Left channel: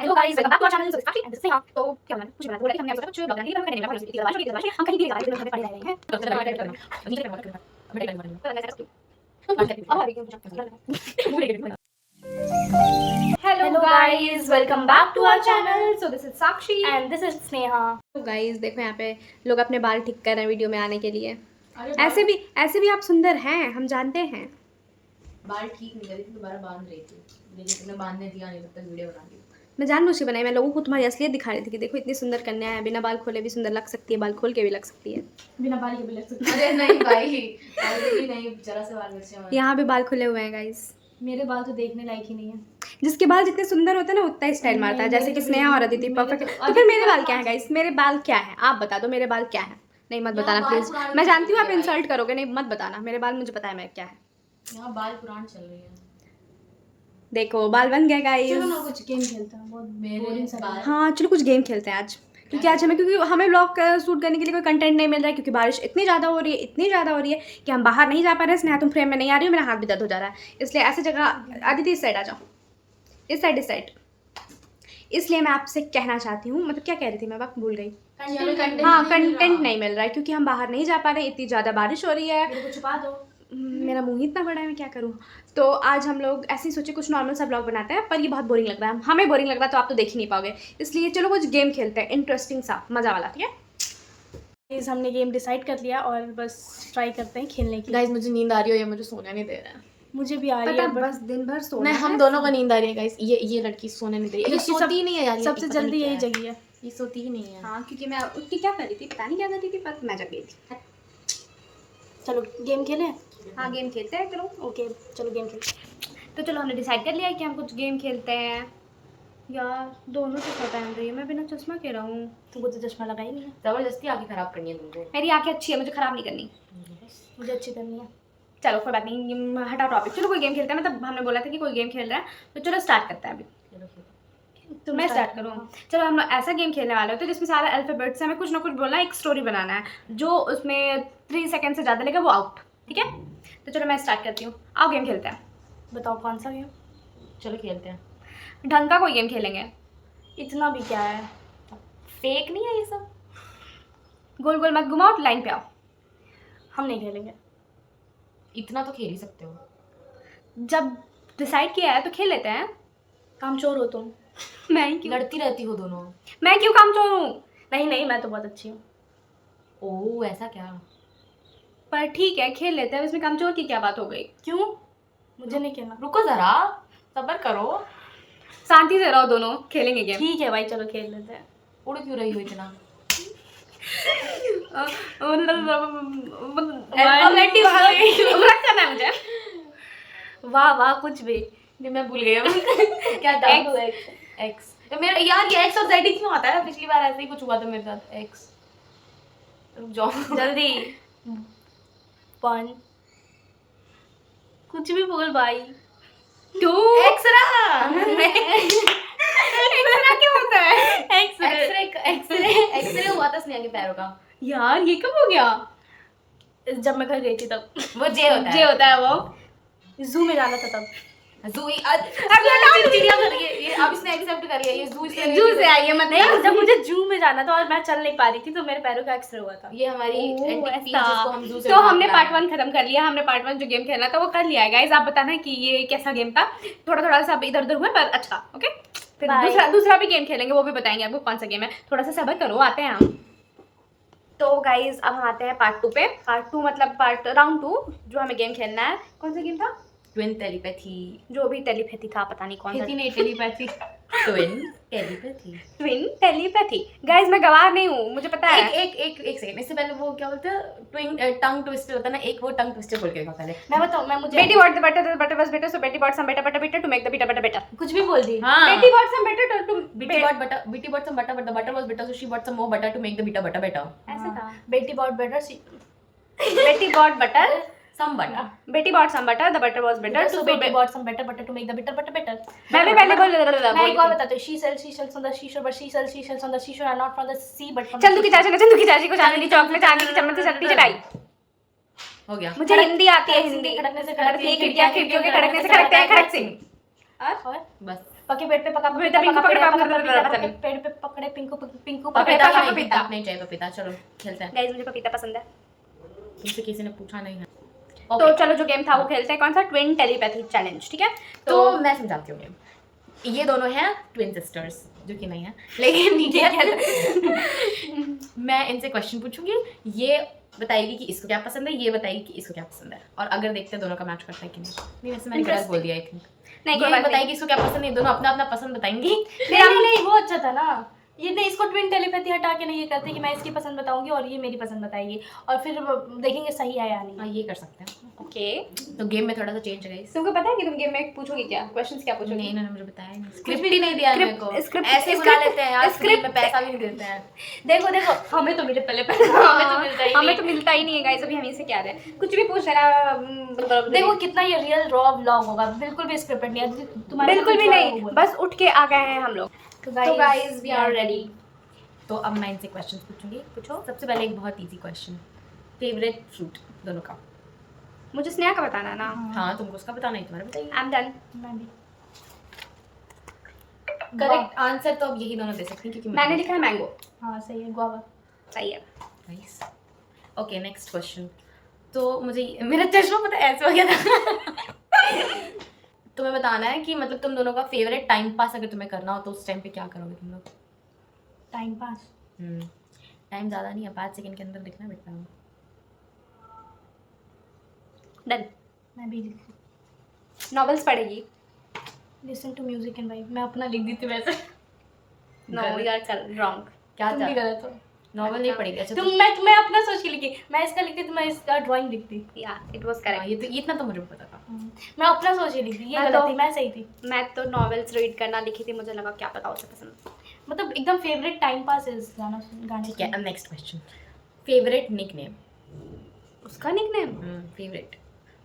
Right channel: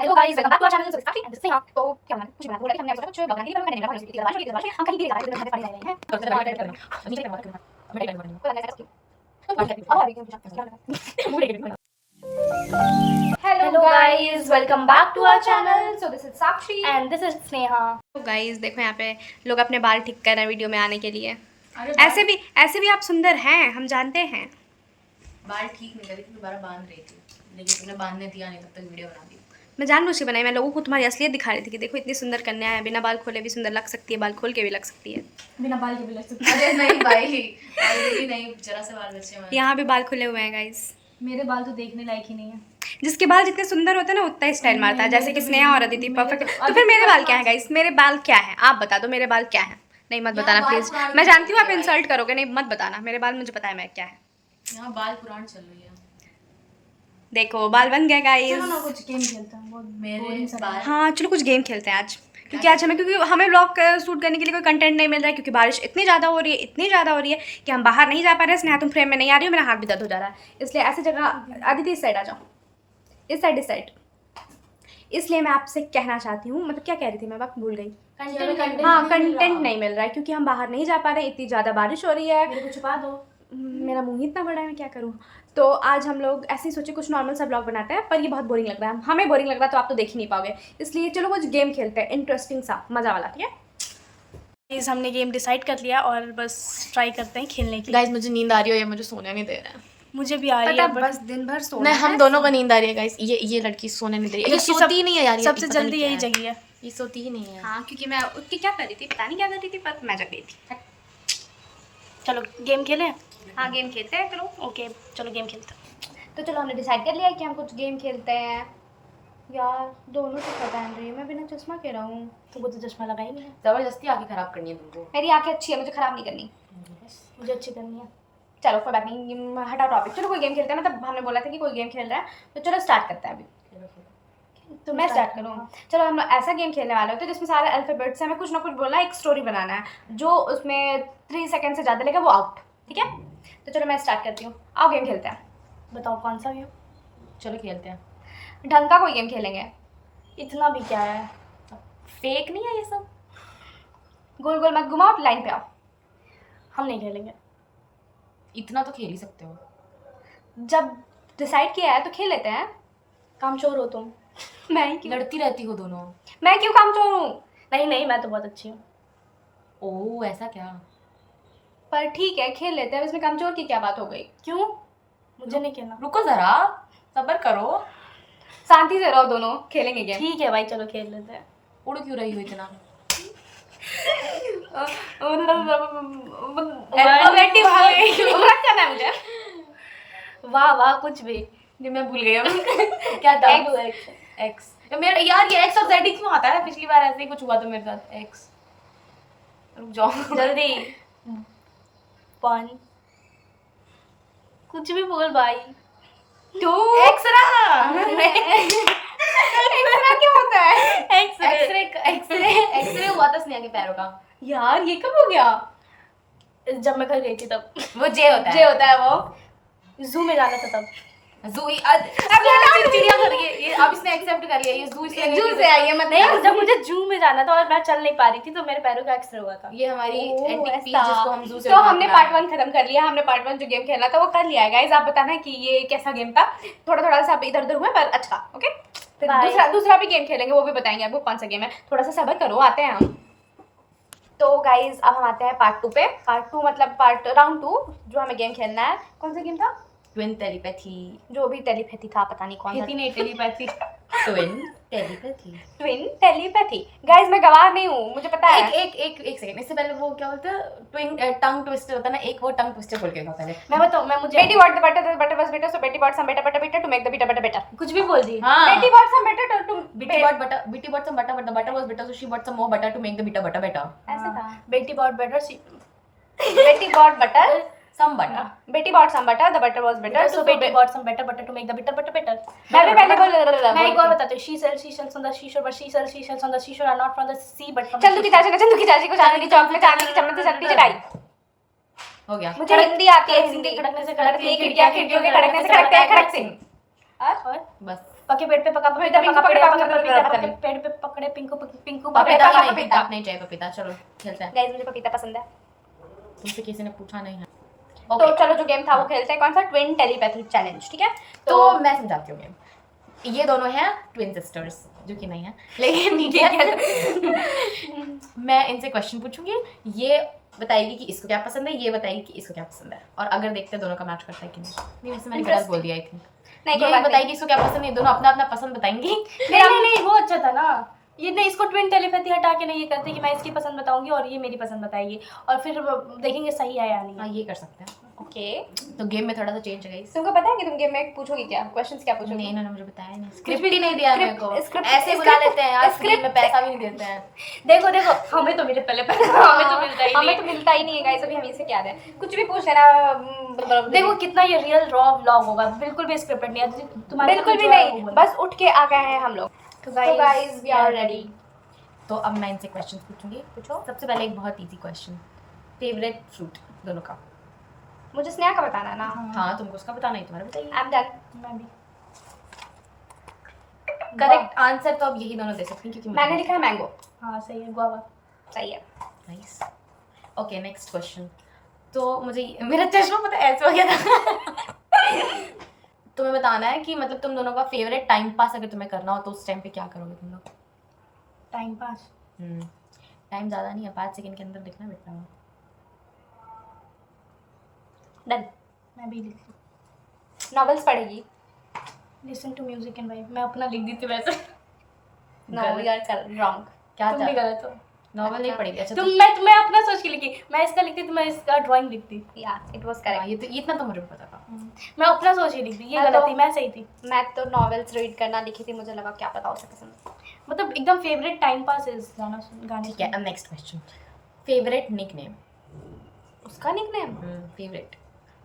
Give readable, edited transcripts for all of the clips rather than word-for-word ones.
Hello guys, welcome back to our channel. So this काफी and this Singh. तो क्या बनाना कुछ बनाना बोला कि हमने सोचा कुछ ब्लॉग बनाने के लिए मैंने बारिश हम कहीं भी जा रहे हैं, पढ़ रहे हैं। तो चलो बात करते हैं। Hello guys, welcome back to our channel. So this is Sakshi and this is Sneha. तो गाइस देखो यहाँ पे लोग अपने बाल ठीक कर रहे हैं वीडियो में आने के लिए। ऐसे भी आप सुंदर हैं, हम जानते हैं। बाल ठीक नहीं करी थी, दोबारा बांध रही थी, लेकिन तुमने बांधने दिया नहीं, तब तक वीडियो बना दी। मैं जानबूझ के बनाई, मैं लोगों को तुम्हारी असलियत दिखा रही थी कि देखो इतनी सुंदर कन्या है, बिना बाल खोले भी सुंदर लग सकती है, बाल खोल के भी लग सकती है, बिना बाल के भी लग सकते अरे नहीं भाई, ऑलरेडी नहीं, जरा से बाल बचे हमारे। यहाँ भी बाल खुले हुए हैं गाइस। मेरे बाल तो देखने लायक ही नहीं है। जिसके बाल जितने सुंदर होते हैं ना उतना ही स्टाइल मारता है, जैसे कि स्नेहा और अदिति परफेक्ट। तो फिर मेरे बाल क्या है गाइस? मेरे बाल क्या है आप बता दो, मेरे बाल क्या है? नहीं मत बताना प्लीज, मैं जानती हूँ आप इंसल्ट करोगे, नहीं मत बताना, मेरे बाल मुझे पता है मैं क्या है। यहाँ बाल पुरान चल रही है। देखो बाल बन गया गाइस। चलो ना कुछ गेम खेलते हैं, बहुत मेरे बाल हाँ चलो कुछ गेम खेलते हैं आज, क्योंकि आज हमें व्लॉग शूट करने के लिए कोई कंटेंट नहीं मिल रहा है, क्योंकि बारिश इतनी ज़्यादा हो रही है कि हम बाहर नहीं जा पा रहे हैं। स्नेहा तुम फ्रेम में नहीं आ रही हो, मेरा हाथ भी दर्द हो जा रहा है, इसलिए ऐसी जगह आदित्य इस साइड आ जाओ, इस साइड। इसलिए मैं आपसे कहना चाहती हूँ, मतलब क्या कह रही थी मैं, वक्त भूल गई। हाँ कंटेंट नहीं मिल रहा है क्योंकि हम बाहर नहीं जा पा रहे हैं, इतनी ज़्यादा बारिश हो रही है। मेरे को छुपा दो। मेरा मुंह ही इतना बड़ा है, मैं क्या करूँ। तो आज हम लोग ऐसे ही सोचे कुछ नॉर्मल सा ब्लॉग बनाते हैं, पर ये बहुत बोरिंग लग रहा है, हमें बोरिंग लग रहा है तो आप तो देख ही नहीं पाओगे, इसलिए चलो कुछ गेम खेलते हैं, इंटरेस्टिंग सा, मज़ा वाला। ठीक है प्लीज, हमने गेम डिसाइड कर लिया और बस ट्राई करते हैं खेलने की। गाइस मुझे नींद आ रही है, ये मुझे सोने नहीं दे रहा है। मुझे भी आ रही है, बस दिन भर सोना नहीं, हम दोनों को नींद आ रही है गाइस। ये लड़की सोने नहीं दे रही है, ये सोती ही नहीं है यार, ये सबसे पता नहीं जल्दी क्या यही है। जगी है। ये सोती ही नहीं है। हाँ क्योंकि मैं उठ के क्या कर रही थी पता नहीं क्या कर रही थी, पर मैं जग गई थी। चलो गेम खेलें। हाँ गेम खेलते हैं चलो। ओके चलो गेम खेलते हैं। तो चलो हमने डिसाइड कर लिया है कि हम कुछ गेम खेलते हैं। यार दोनों तो पहन रही है, मैं बिना चश्मा के रहा हूँ। तुमको तो चश्मा लगा ही नहीं है। जबरदस्ती आंखें खराब करनी है तुमको। मेरी आंखें अच्छी है, मुझे ख़राब नहीं करनी। मुझे अच्छी करनी है। चलो कोई बात नहीं, हटाओ टॉपिक। चलो कोई गेम खेलते हैं, मतलब हमने बोला था कि कोई गेम खेल रहा है, तो चलो स्टार्ट करते हैं अभी। तो मैं स्टार्ट करूँ? चलो हम ऐसा गेम खेलने वाले होते हैं जिसमें सारे अल्फ़ाबेट्स हमें कुछ ना कुछ बोलना है, एक स्टोरी बनाना है, जो उसमें 3 सेकंड से ज़्यादा लेगा वो आउट। ठीक है तो चलो मैं स्टार्ट करती हूँ, आओ गेम खेलते हैं। बताओ कौन सा गेम? चलो खेलते हैं। ढंग का कोई गेम खेलेंगे। इतना भी क्या है, फेक नहीं है ये सब। गोल गोल मत घुमाओ, लाइन पे आओ। हम नहीं खेलेंगे। इतना तो खेल ही सकते हो। जब डिसाइड किया है तो खेल लेते हैं। कामचोर हो तुम। मैं क्यों लड़ती रहती हो दोनों। मैं क्यों कामचोर हूँ? नहीं, मैं तो बहुत अच्छी हूँ। ओह ऐसा क्या? पर ठीक है खेल लेते हैं, इसमें कामचोर की क्या बात हो गई? क्यों? मुझे नहीं खेलना। रुको जरा, सब्र करो। शांति से रहो, दोनों खेलेंगे गेम। ठीक है भाई, चलो खेल लेते हैं। उड़ क्यों रही हो इतना? मत करना मुझे। वाह वाह, कुछ भी। नहीं मैं भूल गई क्या था। एक्स मेरा यार, ये एक्स और जेड क्यों आता है? पिछली बार ऐसे ही कुछ हुआ था मेरे साथ। एक्स, रुक जाओ जल्दी। 1 कुछ भी बोल भाई। 2 एक्सरा। एक्सरा क्या होता है? एक्सरे एक्सरे हुआ था स्नेहा के पैरों का। यार ये कब हो गया? जब मैं घर गई थी तब। वो जे होता जे है। होता है वो। जू में जाना था तब। जू चिड़ियाघर, ये अब इसने एक्सेप्ट कर लिया, ये जू से आई है मतलब। नहीं, जब मुझे जू में जाना था और मैं चल नहीं पा रही थी तो मेरे पैरों का एक्सरे हुआ था। ये हमारी एंटीक पीस ऐसा। जिसको हम जू से तो हमने उठा पार्ट के 1 खत्म कर लिया, हमने पार्ट 1 जो गेम खेलना था वो कर लिया है गाइस। आप बताना कि ये कैसा गेम था, थोड़ा थोड़ा सा इधर उधर हुआ पर अच्छा। ओके फिर Bye. दूसरा भी गेम खेलेंगे, वो भी बताएंगे आपको कौन सा गेम है। थोड़ा सा सब्र करो, आते हैं हम। तो गाइस अब हम आते हैं पार्ट 2 पे। पार्ट 2 मतलब पार्ट राउंड 2 जो हमें गेम खेलना है। कौन सा गेम था? Twin telepathy. जो भी टेलीपैथी था, पता नहीं कौन सा। नहीं telepathy, twin telepathy. Twin telepathy. Guys मैं गवाह नहीं हूँ, मुझे पता है। एक सेकंड, इससे पहले वो क्या बोलते हैं, ट्विन टंग ट्विस्टर होता है ना, एक वो टंग ट्विस्टर बोल के था पहले। मैं बताऊँ, मैं मुझे Betty bought the butter was bitter, so Betty bought some better to make the bitter better. कुछ भी बोल दी। हाँ, Betty bought some better to Bitty bought some butter, but the butter was bitter, so she bought some more butter to make the bitter butter better. ऐसा था। बेटी बहुत better C. Betty bought butter, Some butter. Betty bought some butter, the butter was bitter, So बेटी बहुत some better butter to make the bitter butter better. पहले बोल। मैं एक और बताती हूँ। She sells on the seashore, but she sells on the seashore are not from the sea but from Chandu की चाची को चांदी की चॉकलेट, चांदी की चम्मच की चटनी चटाई। हो गया। मुझे हिंदी आती है, हिंदी खड़कने से खड़कती है, खिड़कियां खिड़कियों के खड़कने से खड़कते हैं खड़क सिंह। और बस पके पेड़ पे पका पपीता, पिंकू पका पेड़ पे पकड़ा, पका पकड़ा, पपीता, पकड़ा, पके पेड़ पे पकड़े पिंकू पिंकू पपीता ही नहीं, पपीता। नहीं चाहिए पपीता। चलो खेलते हैं। गाइस मुझे पपीता पसंद है। तुमसे किसी ने पूछा नहीं है। तो ओके, चलो जो गेम था वो खेलते हैं। कौन सा? ट्विन टेलीपैथी चैलेंज, ठीक है? तो मैं समझाती हूँ गेम। ये दोनों हैं ट्विन सिस्टर्स, जो कि नहीं है, लेकिन ठीक है। मैं इनसे क्वेश्चन पूछूंगी, ये बताएगी कि इसको क्या पसंद है, ये बताएगी कि इसको क्या पसंद है, और अगर देखते हैं दोनों का मैच करता है कि नहीं वैसे मैंने गलत बोल दिया आई थिंक। नहीं, कोई ये बात बताएगी इसको क्या पसंद है, दोनों अपना अपना पसंद बताएंगी। नहीं वो अच्छा था ना। ये नहीं, इसको ट्विन टेलीपैथी हटा के नहीं ये करते कि मैं इसकी पसंद बताऊंगी और ये मेरी पसंद बताएगी, और फिर देखेंगे सही है या हाँ नहीं। ये कर सकते हैं। ओके। तो गेम में थोड़ा सा चेंज है गाइस। तुमको पता है कि तुम गेम में पूछोगी क्या? क्वेश्चंस क्या पूछोगी? नहीं, इन्होंने मुझे बताया नहीं, स्क्रिप्ट ही नहीं दिया मेरे को। स्क्रिप्ट- ऐसे ही बुला स्क्रिप्ट- लेते हैं यार, फ्री स्क्रिप्ट- में पैसा भी नहीं देते हैं। देखो देखो, हमें तो मिले पहले पहले हमें तो मिलता ही हमें नहीं। तो मिलता ही नहीं है गाइस, अभी हम इसे क्या दें? कुछ भी पूछ लेना। देखो कितना ये रियल रॉ व्लॉग होगा, बिल्कुल भी स्क्रिप्टेड नहीं है तुम्हारे। बिल्कुल भी नहीं, बस उठ के आ गए हैं हम लोग। तो तो गाइस वी आर रेडी। तो अब मैं इनसे क्वेश्चन पूछूंगी। पूछो। सबसे पहले एक बहुत इजी क्वेश्चन, फेवरेट फ्रूट दोनों का। मुझे स्नेहा का बताना ना। हाँ तुमको उसका बताना ही, तुम्हारा बताइए। I am done. मैं भी। करेक्ट आंसर तो अब यही दोनों दे सकती हैं क्योंकि मैंने लिखा है मैंगो। हाँ सही है, गुआवा। सही है। नाइस। Okay next question. तो मुझे मेरा चश्मा पता है ऐसे हो गया था। तुम्हें बताना है कि मतलब तुम दोनों का फेवरेट टाइम पास अगर तुम्हें करना हो तो उस टाइम पे क्या करोगे तुम लोग। Time pass. टाइम ज़्यादा नहीं है, 5 सेकंड के अंदर लिखना बेटा। डन। मैं भी नॉवेल्स पढ़ेगी। Listen to music and vibe. मैं अपना लिख दी थी वैसे। No we are wrong. क्या तुम भी गलत हो। नॉवल नहीं पढ़ेगी? अच्छा मैं अपना सोच के लिखी। मैं इसका लिखती तो मैं इसका ड्राइंग लिखती। या इट वाज हाँ, करेक्ट। ये तो इतना तो मुझे पता था। मैं अपना सोच के लिखी, ये मैं गलत तो- थी, मैं सही थी। मैं तो नॉवेल्स रीड करना लिखी थी, मुझे लगा क्या पता उसे पसंद। मतलब एकदम फेवरेट टाइम पास इज गाने ठीक है, अब नेक्स्ट क्वेश्चन। Favourite nickname. उसका निकनेम फेवरेट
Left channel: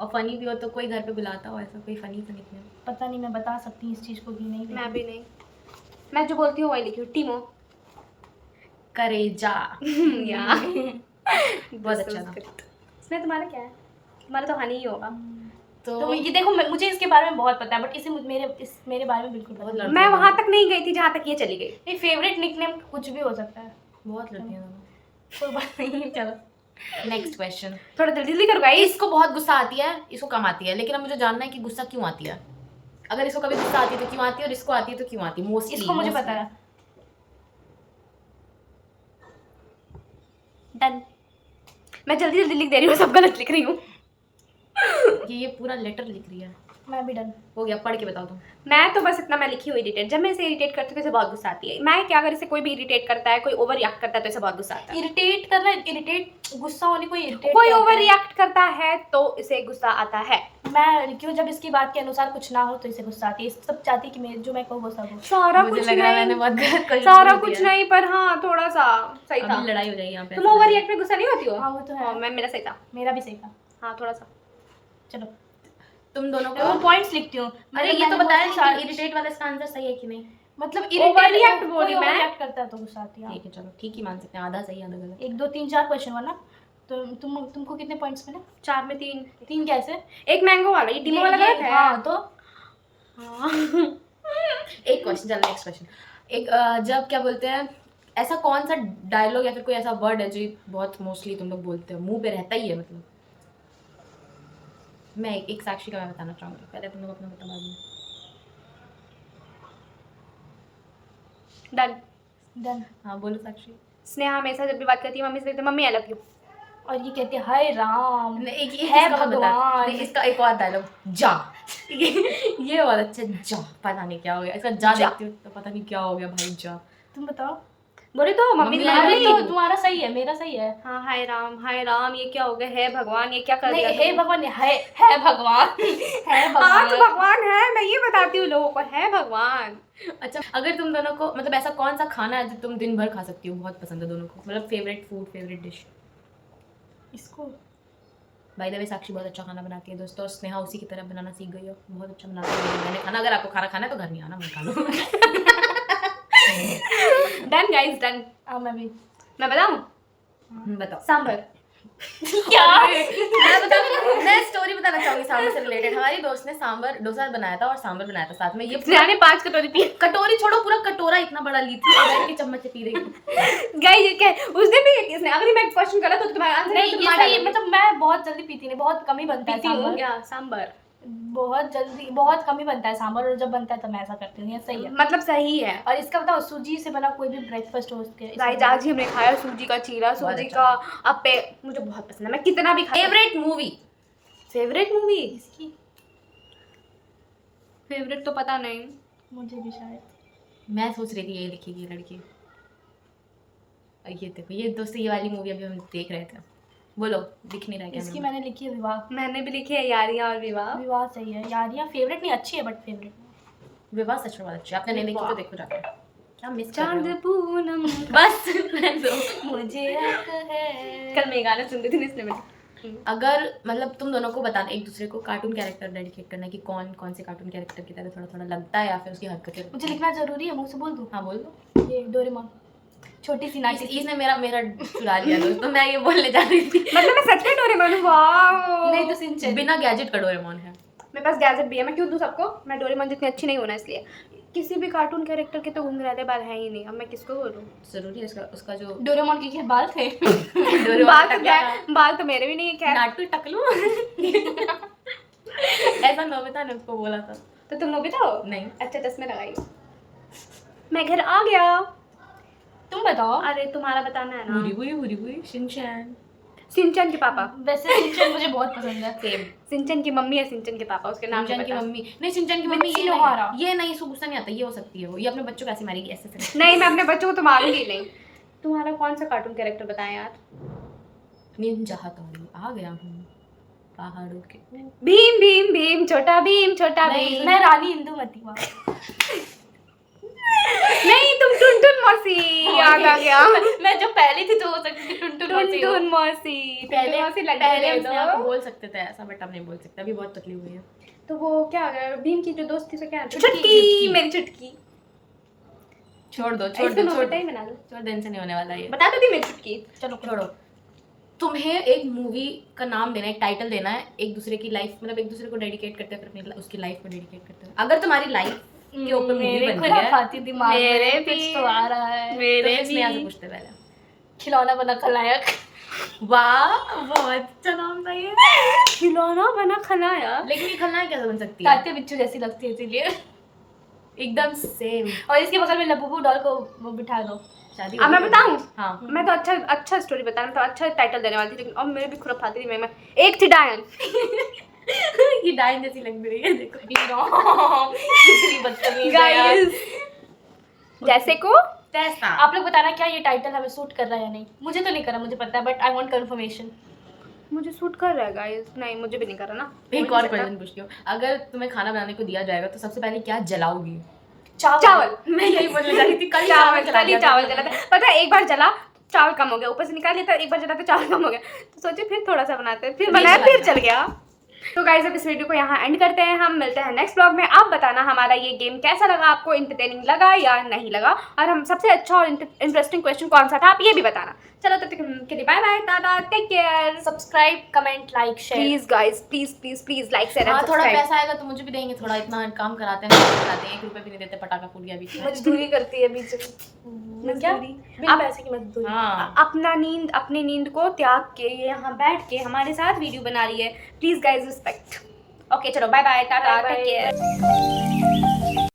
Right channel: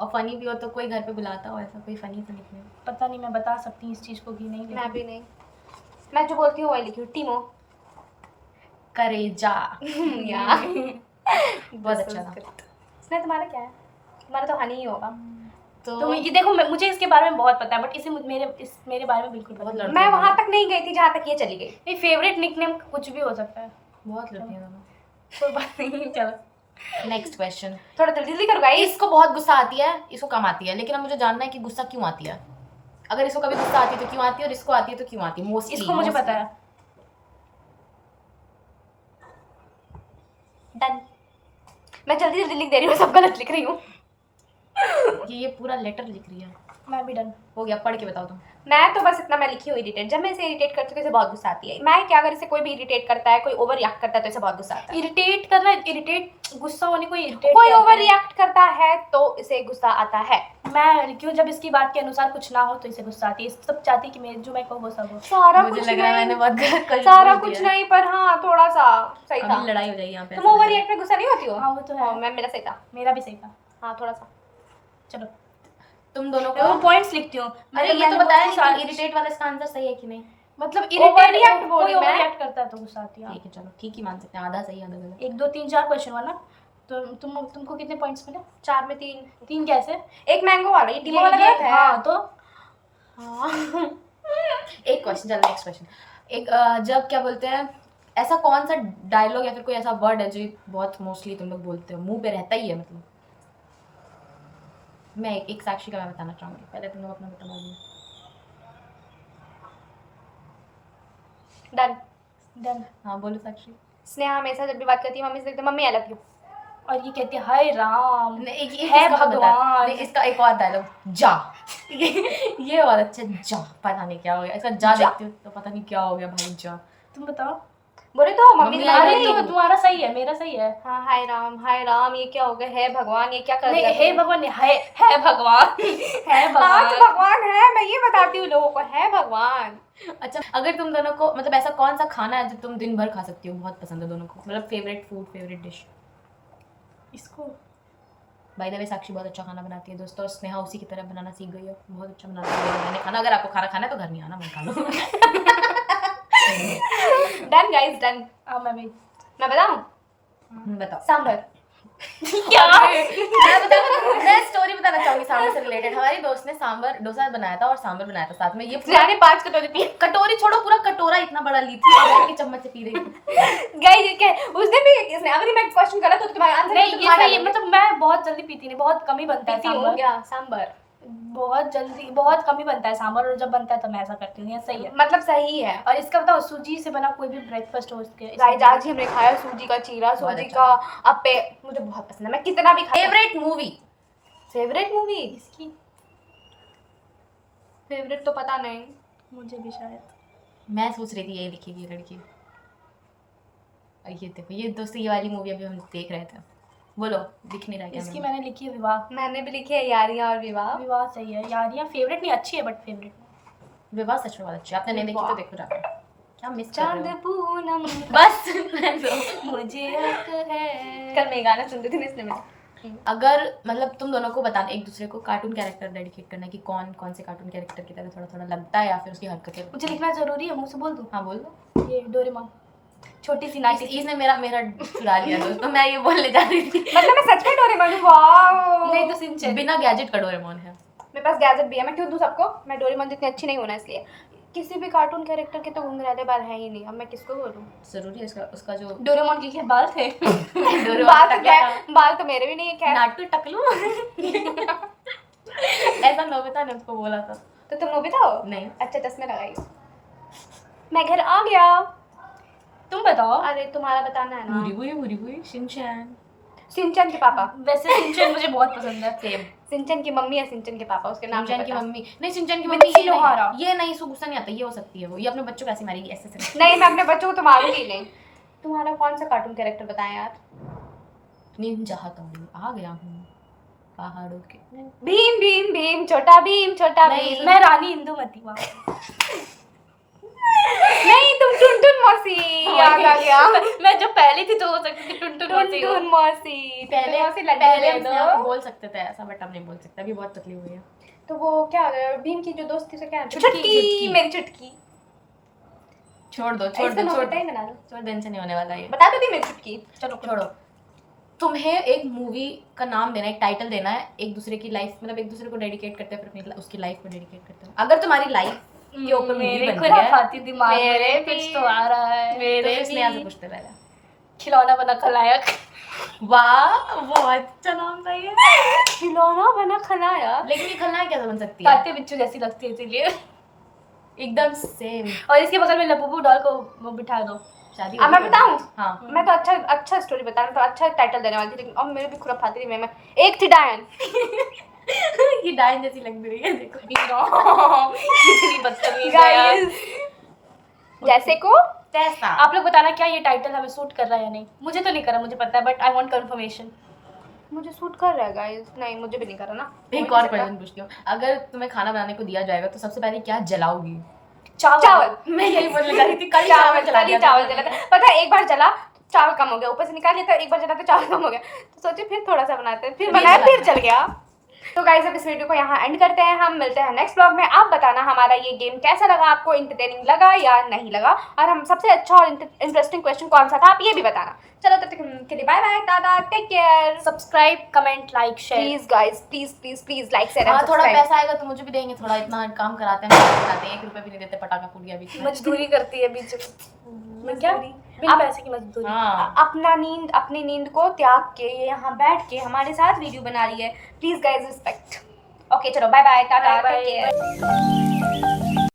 और फनी भी हो तो कोई घर पे बुलाता हो ऐसा कोई फनी सा निकनेम। पता नहीं, मैं बता सकती हूँ इस चीज़ को कि नहीं। मैं भी नहीं। मैं जो बोलती हूँ वही लिखी हूँ। टीमो। करेजा। या बहुत अच्छा था। इसमें तुम्हारा क्या है? तुम्हारा तो हनी ही होगा। तो ये देखो, मुझे इसके बारे में बहुत पता है, बट इसे मेरे बारे में बिल्कुल पता बहुत नहीं। लड़ते मैं हैं वहां तक नहीं गई थी जहाँ तक ये चली गई। नहीं, फेवरेट निकनेम कुछ भी हो सकता है। बहुत लड़ती हैं दोनों। कोई बात नहीं, चलो नेक्स्ट क्वेश्चन। थोड़ा जल्दी करो गाइस। इसको बहुत गुस्सा आती है, इसको कम आती है, लेकिन अब मुझे जानना है कि गुस्सा क्यों आती है। अगर इसको कभी गुस्सा आती है तो क्यों आती है, और इसको आती है तो क्यों आती है। मोस्टली इसको मुझे पता है। डन। मैं जल्दी जल्दी लिख दे रही हूँ, सब गलत लिख रही हूँ। ये पूरा लेटर लिख रही है। मैं भी डन। हो गया, पढ़ के बताओ तुम। मैं तो बस इतना मैं लिखी हूँ इरिटेट। जब मैं इसे इरिटेट करती हूँ तो इसे बहुत गुस्सा आती है। मैं क्या, अगर इसे कोई भी इरिटेट करता है, कोई ओवर रिएक्ट करता है तो इसे बहुत गुस्सा आता है। इरिटेट करना, इरिटेट गुस्सा होने को इरिटेट कोई कहते ओवर हैं। रिएक्ट करता है तो इसे गुस्सा आता है। मैं क्यों, जब इसकी बात के अनुसार कुछ ना हो तो इसे गुस्सा आती है। सब चाहती है कि मैं जो मैं कहूँ वो सब हो। सारा मुझे कुछ लग रहा है नहीं, मैंने बहुत गलत क्वेश्चन सारा बोल कुछ दिया। नहीं, पर हाँ थोड़ा सा सही था। अभी लड़ाई हो जाएगी यहाँ पे। तुम ओवर रिएक्ट पे गुस्सा नहीं होती हो? हाँ वो तो है। मैं मेरा सही था। मेरा भी सही था। हाँ थोड़ा सा। चलो तुम दोनों मैं वो को पॉइंट्स लिखती हूँ। अरे ये तो बताया नहीं कि इरिटेट वाला इसका आंसर सही है कि नहीं। मतलब Overreact बोल रही कोई मैं। ओवररिएक्ट करता है तो गुस्सा आती है। ठीक है चलो, ठीक ही मान सकते हैं, आधा सही आधा गलत। 1 2 3 4 क्वेश्चन हुआ ना, तो तुमको कितने पॉइंट्स मिले? 4 में 3। 3 कैसे? एक मैंगो वाला, ये टीमो वाला गलत है। हाँ तो एक क्वेश्चन, चलो नेक्स्ट क्वेश्चन। एक जब क्या बोलते हैं, ऐसा कौन सा डायलॉग या फिर कोई ऐसा वर्ड है जो बहुत मोस्टली तुम लोग बोलते हो, मुंह पे रहता ही है मतलब। मैं एक साक्षी का मैं बताना चाहूंगी, पहले तुम लोग अपना बता दो। डन। डन। हाँ बोलो साक्षी। स्नेहा हमेशा जब भी बात करती है मम्मी से कहती है मम्मी आई लव यू। और ये कहती है हाय राम। नहीं, एक है इसका मैं बता, भगवान। नहीं इसका एक और डायलॉग, जा। ये बहुत अच्छा, जा। पता नहीं क्या हो गया इसका, जा जा। देखती हूँ तो पता नहीं क्या हो गया भाई, जा। तुम बताओ। बोले तो mummy mummy I I love love you। you। तुम्हारा सही है, मेरा सही है। हाँ हाय राम ये क्या हो गया, है भगवान ये क्या कर नहीं, दिया हे तुमने? भगवान नहीं, है भगवान। है हाँ तो भगवान। भगवान है, मैं ये बताती हूँ लोगों को, है भगवान। अच्छा, अगर तुम दोनों को मतलब ऐसा कौन सा खाना है जो तुम दिन भर खा सकती हो, बहुत पसंद है दोनों को, मतलब फेवरेट फूड, फेवरेट डिश। इसको बाय द वे साक्षी बहुत अच्छा खाना बनाती है दोस्तों, और स्नेहा उसी की तरह बनाना सीख गई हो, बहुत अच्छा बनाती है मैंने खाना। अगर आपको खाना खाना है तो घर नहीं आना, मैं खा लो। Done guys done. मैं भी। मैं बताऊँ? बताओ। सांभर। क्या? मैं स्टोरी बताना चाहूंगी सांभर से रिलेटेड। हमारी दोस्त ने सांभर डोसा बनाया था और सांभर बनाया था साथ में। ये पूरा मैंने 5 कटोरी पी। कटोरी छोड़ो, पूरा कटोरा इतना बड़ा ली थी और बैठ के चम्मच से पी रही थी। गाइस ये क्या है? उसने भी इसने अगर मैं क्वेश्चन गलत हो तो तुम्हारा आंसर नहीं, तो ये तुम्हारा सही, मतलब मैं बहुत जल्दी पीती नहीं, बहुत कम ही बनता है सांभर। क्या सांभर बहुत जल्दी, बहुत कम ही बनता है सांभर, और जब बनता है तो मैं ऐसा करती हूँ। ये सही है। मतलब सही है। और इसका बताओ, सूजी से बना कोई भी ब्रेकफास्ट हो उसके। गाइस आज ही हमने खाया सूजी का चीरा, बहुत सूजी अच्छा का अप्पे, मुझे बहुत पसंद है। मैं कितना भी खाती फेवरेट मूवी? फेवरेट मूवी इसकी फेवरेट तो पता नहीं मुझे भी शायद। मैं सोच रही थी यही लिखेगी लड़की। और ये देखो, ये दोस्तों ये वाली मूवी अभी हम देख रहे थे। बोलो, दिख नहीं रहा क्या? इसकी मैंने लिखी है विवाह। मैंने भी लिखी है यारियां और विवाह। विवाह सही है। यारियां फेवरेट नहीं, अच्छी है बट फेवरेट। विवाह सच में बहुत अच्छी है। आपने नहीं देखी तो देखो जाकर। क्या मिस कर रहे चांद हो? पूनम बस रहने दो। मुझे हक है। कल मैं गाना सुन रही थी इसलिए मैं अगर मतलब तुम दोनों को बताना एक दूसरे को कार्टून कैरेक्टर डेडिकेट करना कि कौन कौन से कार्टून कैरेक्टर की तरह थोड़ा थोड़ा लगता है या फिर उसकी हरकतें। मुझे लिखना जरूरी है, मुंह से बोल दूं? हाँ बोल दो। ये डोरेमोन, छोटी सी नाची। इसने मेरा मेरा चुरा लिया दोस्तों। मैं ये बोलने जा रही थी। मतलब मैं सच में डोरेमोन हूँ। वाओ नहीं तो सिंचन। बिना गैजेट का डोरेमोन है। मेरे पास गैजेट भी है, मैं क्यों दूं सबको? मैं डोरेमोन जितनी अच्छी नहीं होना इसलिए। किसी भी कार्टून कैरेक्टर के तो घुंघराले बाल है ही नहीं, अब मैं किसको बोलूं? जरूरी है इसका उसका जो डोरेमोन के क्या बाल थे? डोरेमोन बाल का तो टकला बाल तो मेरे भी नहीं है खैर। नाटू टकलू। ऐसा नोबिता ने उसको बोला था। तो तुम नोबिता हो? नहीं। अच्छा चश्मे लगाइए। मैं घर आ गया। तुम बताओ। अरे तुम्हारा बताना है ना। बुरी बुरी शिनचैन। सिंचन के पापा। वैसे सिंचन मुझे बहुत पसंद है। सेम। सिंचन की मम्मी या सिंचन के पापा, उसके नाम सिंचैन की बता। मम्मी नहीं, सिंचैन की मिर्ची मम्मी ये लोहारा। नहीं, ये नहीं, इसको गुस्सा नहीं आता। ये हो सकती है वो, ये अपने बच्चों को ऐसे मारेगी ऐसे ऐसे। नहीं मैं अपने बच्चों को तो मारूंगी नहीं। तुम्हारा कौन सा कार्टून कैरेक्टर बताएं यार? निंजा हथौड़ी आ गया हूँ पहाड़ों के। भीम भीम भीम छोटा भीम छोटा नहीं, भीम। मैं रानी इंदुमती हूँ। नहीं तुम टुनटुन मौसी याद आ गया। मैं जो पहली थी तो हो सकती थी टुनटुन मौसी। टुनटुन मौसी पहले मौसी लग पहले गई हम तो। अपने आप को बोल सकते थे ऐसा, बट अब नहीं बोल सकते। अभी बहुत पतली हुई है। तो वो क्या भीम की जो दोस्त थी उसे क्या? चुटकी। चुटकी मेरी चुटकी। छोड़ दो इसको नोबिता ही बना दो। छोड़ दो, इनसे नहीं होने वाला ये। बता दो दी मेरी चुटकी। चलो छोड़ो। तुम्हें एक मूवी का नाम देना है, एक टाइटल देना है, एक दूसरे की लाइफ, मतलब एक दूसरे को डेडिकेट करते हैं, फिर अपनी उसकी लाइफ को डेडिकेट करते हैं। अगर तुम्हारी लाइफ के ऊपर मूवी मेरे बनती है खुराफाती दिमाग मेरे में कुछ भी- तो आ रहा है। तो फिर स्नेहा से पूछते पहले। खिलौना बना खलनायक। वाह बहुत अच्छा नाम था ये। खिलौना बना खलाया। लेकिन ये खलनायक कैसे बन सकती है? काते बिच्छू जैसी लगती है इसीलिए। एकदम सेम। और इसके बगल में लबूबू डॉल को वो बिठा दो। शादी अब मैं बताऊं? हाँ। मैं तो अच्छा स्टोरी बता रहा हूं, तो अच्छा टाइटल देने वाली थी, लेकिन अब मेरे भी खुराफाती दिमाग में एक थी डायन। ये डायन जैसी लग रही है देखो। कितनी बदतमीज है यार। गाइस जैसे को तैसा। आप लोग बताना क्या ये टाइटल हमें सूट कर रहा है या नहीं। मुझे तो नहीं करा, मुझे पता है, बट आई वांट कंफर्मेशन। मुझे सूट कर रहा है गाइस। नहीं मुझे भी नहीं कर रहा ना। एक और क्वेश्चन पूछती हूँ, अगर तुम्हें खाना बनाने को दिया जाएगा तो सबसे पहले क्या जलाओगी? चावल। मैं यही बोलने जा रही थी, कल ही चावल जला दिया था। चावल जला था। पता है एक बार जला चावल कम हो गया, ऊपर से निकाल लिया था, एक बार जला तो चावल कम हो गया, तो सोचे फिर थोड़ा सा बनाते हैं, फिर बनाया जला फिर दिया। चल गया। तो गाइस अब इस वीडियो को यहाँ एंड करते हैं, हम मिलते हैं नेक्स्ट ब्लॉग में। आप बताना हमारा ये गेम कैसा लगा आपको, इंटरटेनिंग लगा या नहीं लगा, और हम सबसे अच्छा और इंटरेस्टिंग क्वेश्चन कौन सा था आप ये भी बताना। चलो तब तक के लिए bye bye, tata, take care. Subscribe, comment, like, share. Please guys please like share. हाँ थोड़ा पैसा आएगा तो मुझे भी देंगे, थोड़ा इतना काम कराते हैं, मेहनत कराते हैं, 1 रुपए भी नहीं देते, पटाखा फूट गया बीच में। मजदूरी करती है बीच में। क्या? बिना पैसे की मजदूरी। हाँ अपनी नींद को त्याग के ये यहाँ बैठ के हमारे साथ वीडियो बना रही है। Please guys respect. ओके चलो bye bye, tata, take care.